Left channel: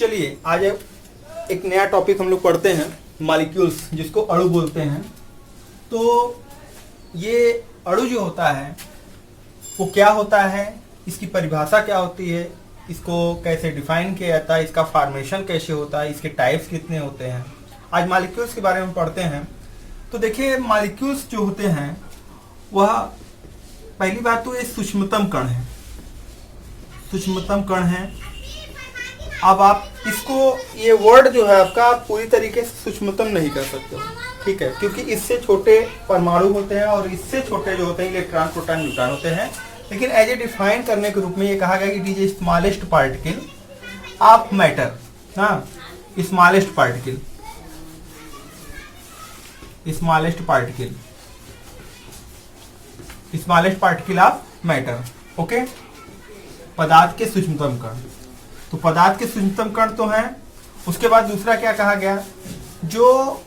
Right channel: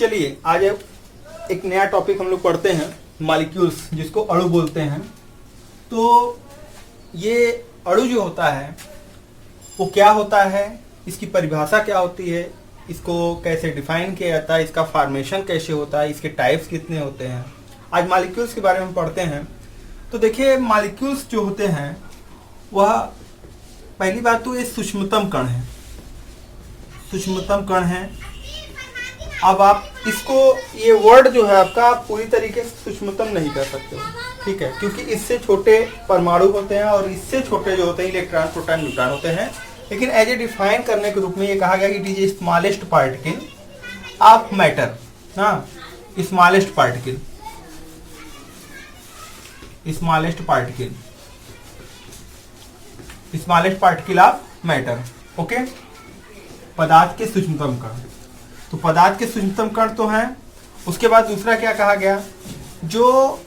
चलिए आज एक नया टॉपिक हम लोग पढ़ते हैं, मॉलिक्यूल्स, जिसको अणु बोलते हैं। तो ये अणु जो होता है वो क्या होता है, इसकी परिभाषा क्या होती है, इसको कैसे डिफाइन किया जाता है, इसका फॉर्मेशन कैसे होता है, इसके टाइप्स कितने होते हैं। आज मॉलिक्यूल्स के बारे में पढ़ते हैं। तो देखिए मॉलिक्यूल्स जो होते हैं वह पहली बात तो ये सूक्ष्मतम कण है, सूक्ष्मतम कण है। अब आप इसको, ये वर्ड जो है आपका पूरी तरीके से सूक्ष्मतम नहीं कर सकते हो, ठीक है, क्योंकि इससे छोटे परमाणु होते हैं और इससे छोटे जो होते हैं इलेक्ट्रॉन प्रोटॉन न्यूट्रॉन होते हैं। लेकिन एज ए डिफाइन करने के रूप में ये कहा गया कि it is smallest particle of matter, हाँ, smallest particle, smallest particle, smallest particle of matter. Okay, पदार्थ के सूक्ष्मतम कण। तो पदार्थ के सूक्ष्मतम कण तो हैं। उसके बाद दूसरा क्या कहा गया, जो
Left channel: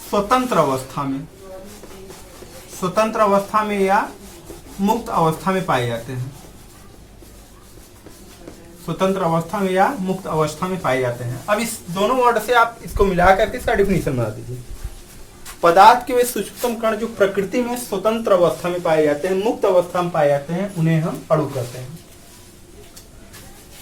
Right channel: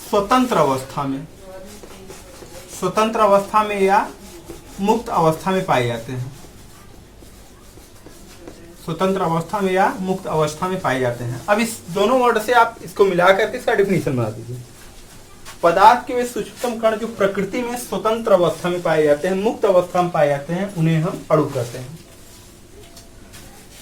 स्वतंत्र अवस्था में, स्वतंत्र अवस्था में या मुक्त अवस्था में पाए जाते हैं, स्वतंत्र अवस्था में या मुक्त अवस्था में पाए जाते हैं। अब इस दोनों वर्ड से आप इसको मिला करके इसका डिफिनीशन बना दीजिए। पदार्थ के वे सूक्ष्मतम कण जो प्रकृति में स्वतंत्र अवस्था में पाए जाते हैं, मुक्त अवस्था में पाए जाते हैं, उन्हें हम अणु कहते हैं।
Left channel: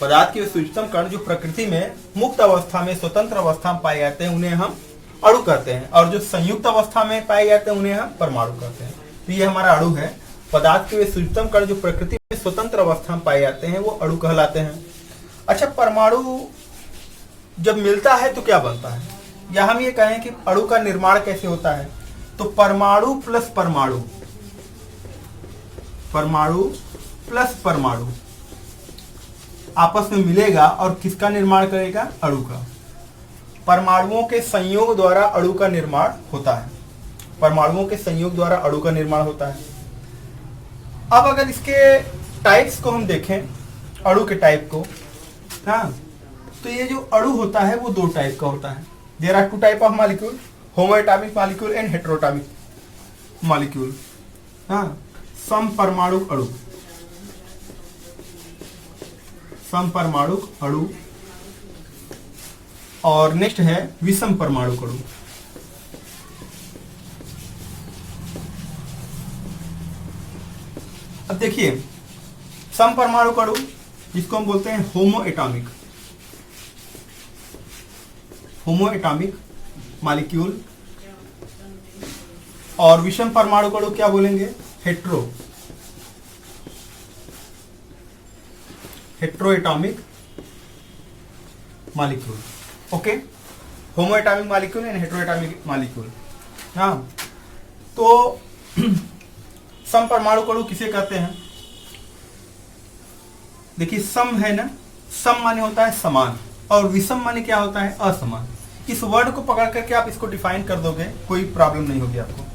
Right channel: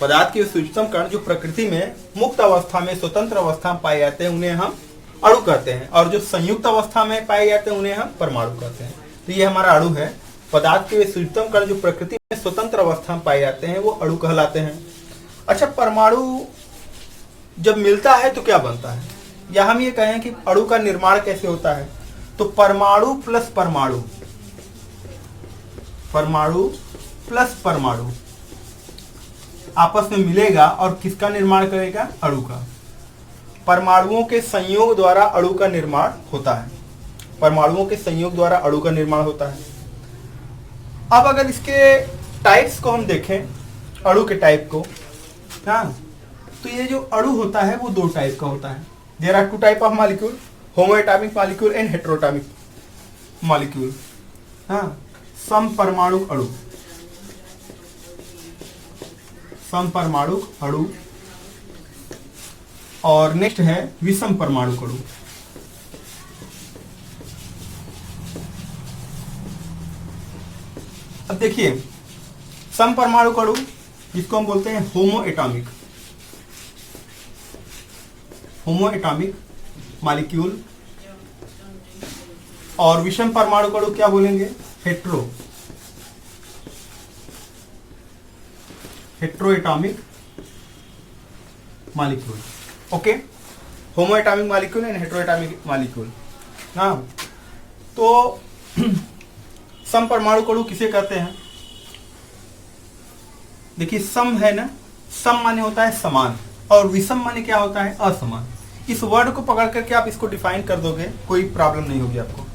पदार्थ के सूक्ष्मतम कण जो प्रकृति में मुक्त अवस्था में, स्वतंत्र अवस्था में पाए जाते हैं, उन्हें हम अणु कहते हैं। और जो संयुक्त अवस्था में पाए जाते हैं उन्हें हम परमाणु कहते हैं। तो ये हमारा अणु है। पदार्थ के वे सूक्ष्मतम कण जो प्रकृति में स्वतंत्र अवस्था में पाए जाते हैं वो अणु कहलाते हैं। अच्छा, परमाणु जब मिलता है तो क्या बनता है, या हम ये कहें कि अणु का निर्माण कैसे होता है, तो परमाणु प्लस परमाणु, परमाणु प्लस परमाणु आपस में मिलेगा और किसका निर्माण करेगा, अणु का। परमाणुओं के संयोग द्वारा अणु का निर्माण होता है, परमाणुओं के संयोग द्वारा अणु का निर्माण होता है। अब अगर इसके टाइप्स को हम देखें, अणु के टाइप को, हाँ, तो ये जो अणु होता है वो दो टाइप का होता है। There are two type of molecule, homoatomic molecule and heteroatomic molecule. हाँ, समपरमाणु अणु, समपरमाणु अणु, और नेक्स्ट है विषम परमाणु अणु। अब देखिए समपरमाणु अणु जिसको हम बोलते हैं होमोएटॉमिक, होमोएटॉमिक मॉलिक्यूल, और विषम परमाणु अणु क्या बोलेंगे, hetero, heteroatomic molecule. Okay, homoatomic molecule and heteroatomic molecule. हाँ, तो समपरमाणु अणु किसे कहते हैं, देखिए सम है ना, सम माने होता है समान, और विषम माने क्या होता है, असमान। इस वर्ड को पकड़ करके आप इसको डिफाइन कर दोगे, कोई प्रॉब्लम नहीं होगी आपको।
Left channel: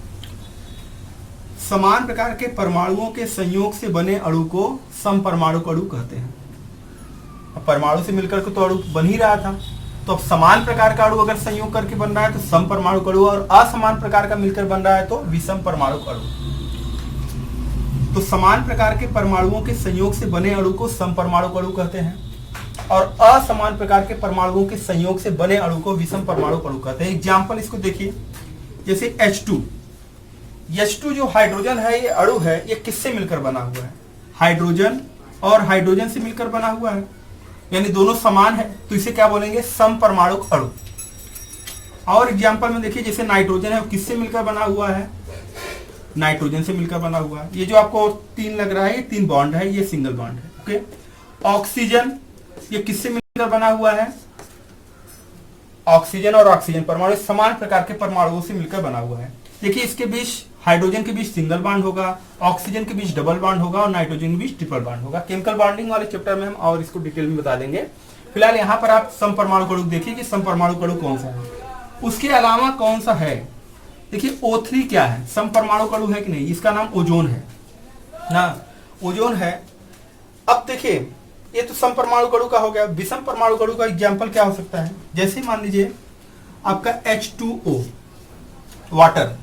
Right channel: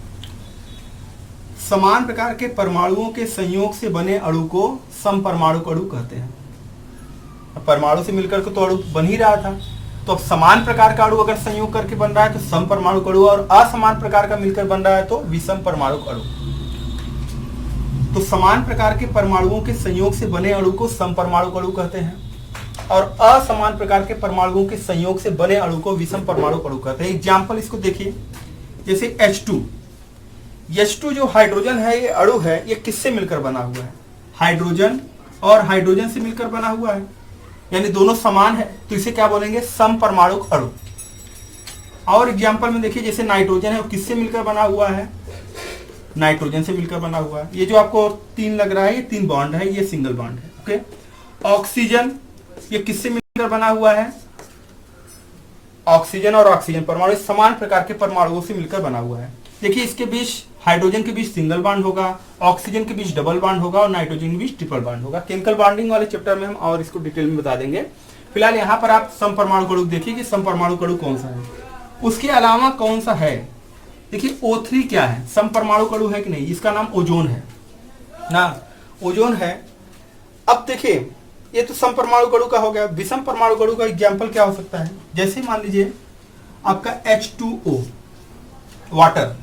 समान प्रकार के परमाणुओं के संयोग से बने अणु को समपरमाणु अणु कहते हैं। परमाणु से मिलकर के तो अणु बन ही रहा था, तो अब समान प्रकार का अणु अगर संयोग करके बन रहा है तो समपरमाणु अणु, और असमान प्रकार का मिलकर बन रहा है तो विषम परमाणु अणु। तो समान प्रकार के परमाणुओं के संयोग से बने अणु को समपरमाणु अणु कहते हैं, और असमान प्रकार के परमाणुओं के संयोग से बने अणु को विषम परमाणु अणु कहते हैं। एग्जाम्पल इसको देखिए, जैसे H2, H2 जो हाइड्रोजन है, ये अणु है, ये किससे मिलकर बना हुआ है, हाइड्रोजन और हाइड्रोजन से मिलकर बना हुआ है, यानी दोनों समान है, तो इसे क्या बोलेंगे, समपरमाणु अणु। और एग्जाम्पल में देखिए, जैसे नाइट्रोजन है, वो किससे मिलकर बना हुआ है, नाइट्रोजन से मिलकर बना हुआ है। ये जो आपको तीन लग रहा है, ये तीन बॉन्ड है, ये सिंगल बॉन्ड है। ओके, ऑक्सीजन, ये किससे मिलकर बना हुआ है, ऑक्सीजन और ऑक्सीजन परमाणु समान प्रकार के परमाणुओं से मिलकर बना हुआ है। देखिए इसके बीच, हाइड्रोजन के बीच सिंगल बॉन्ड होगा, ऑक्सीजन के बीच डबल बॉन्ड होगा, और नाइट्रोजन के बीच ट्रिपल बॉन्ड होगा। केमिकल बॉन्डिंग वाले चैप्टर में हम और इसको डिटेल में बता देंगे। फिलहाल यहाँ पर आप समपरमाणु अणु देखिए कि समपरमाणु अणु कौन सा है, उसके अलावा कौन सा है। देखिए O3 क्या है, समपरमाणु अणु है कि नहीं, इसका नाम ओजोन है ना, ओजोन है। अब देखिए ये तो समपरमाणु अणु का हो गया। विषम परमाणु अणु का एग्जाम्पल क्या हो सकता है, जैसे मान लीजिए आपका H2O, वाटर,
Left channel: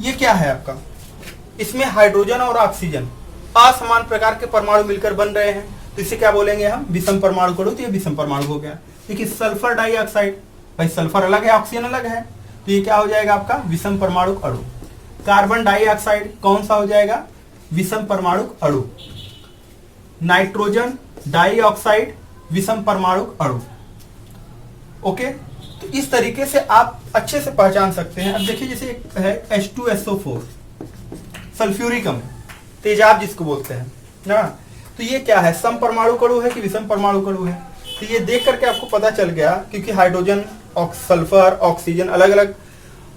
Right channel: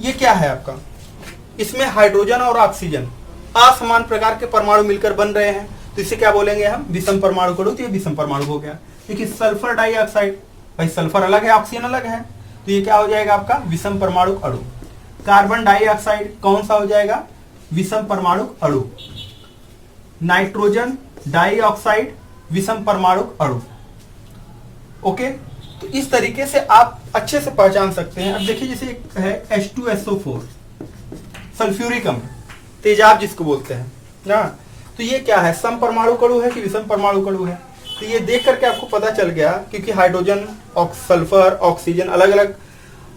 ये क्या है आपका, इसमें हाइड्रोजन और ऑक्सीजन असमान प्रकार के परमाणु मिलकर बन रहे हैं, तो इसे क्या बोलेंगे हम, विषम परमाणु अणु। तो ये विषम परमाणु हो गया। देखिए सल्फर डाइऑक्साइड, भाई सल्फर अलग है, ऑक्सीजन अलग है, तो ये क्या हो जाएगा आपका विषम परमाणु अणु। कार्बन डाइऑक्साइड कौन सा हो जाएगा, विषम परमाणु अणु। नाइट्रोजन डाइऑक्साइड विषम परमाणु अणु। ओके, तो इस तरीके से आप अच्छे से पहचान सकते हैं। अब देखिए जैसे एक है H2SO4 सल्फ्यूरिक अम्ल, तेजाब जिसको बोलते हैं ना, तो ये क्या है, सम परमाणु अणु है कि विषम परमाणु अणु है। तो ये देख करके आपको पता चल गया, क्योंकि हाइड्रोजन सल्फर ऑक्सीजन अलग अलग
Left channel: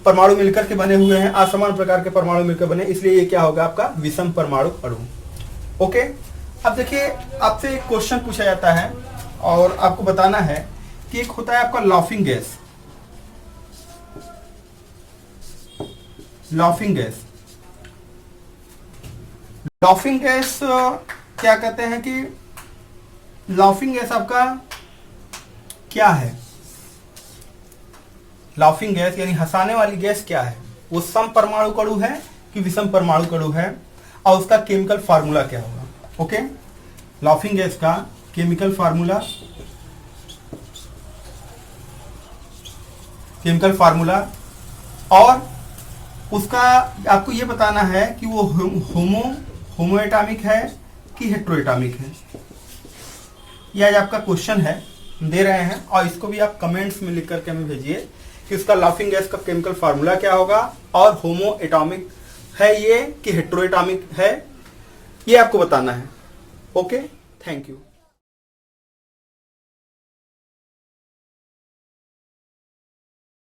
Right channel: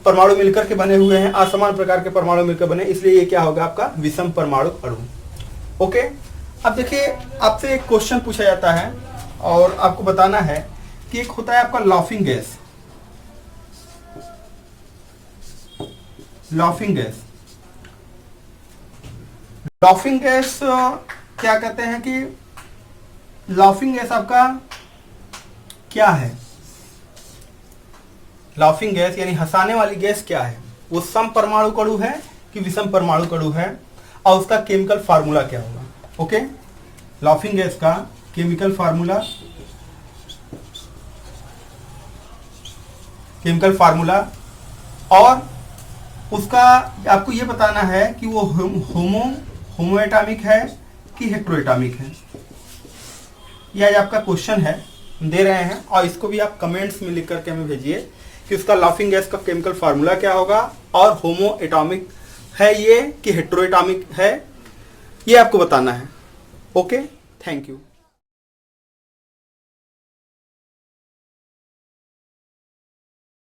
परमाणु मिलकर के बने हुए हैं, असमान प्रकार के परमाणु मिलकर बने, इसलिए ये क्या होगा आपका विषम परमाणु अणु। ओके, अब देखिए आपसे एक क्वेश्चन पूछा जाता है और आपको बताना है कि एक होता है आपका laughing gas. Laughing gas, laughing gas क्या कहते हैं कि लाफिंग गैस आपका क्या है, लाफिंग गैस यानी हंसाने वाली गैस क्या है, वो सम परमाणु अणु है कि विषम परमाणु अणु है, और उसका केमिकल फार्मूला क्या होगा। ओके, लाफिंग गैस का केमिकल फार्मूला, केमिकल फार्मूला, और उसका आपको ये बताना है कि वो होमो एटॉमिक है कि हेट्रोएटॉमिक है। यह आपका क्वेश्चन है, दे रहे हैं, और इसको भी आप कमेंट्स में लिख करके हमें भेजिए कि उसका लाफिंग गैस का केमिकल फार्मूला क्या होगा, और होमो एटॉमिक है ये कि हेट्रोएटॉमिक है, ये आपको बताना है। Okay, thank you.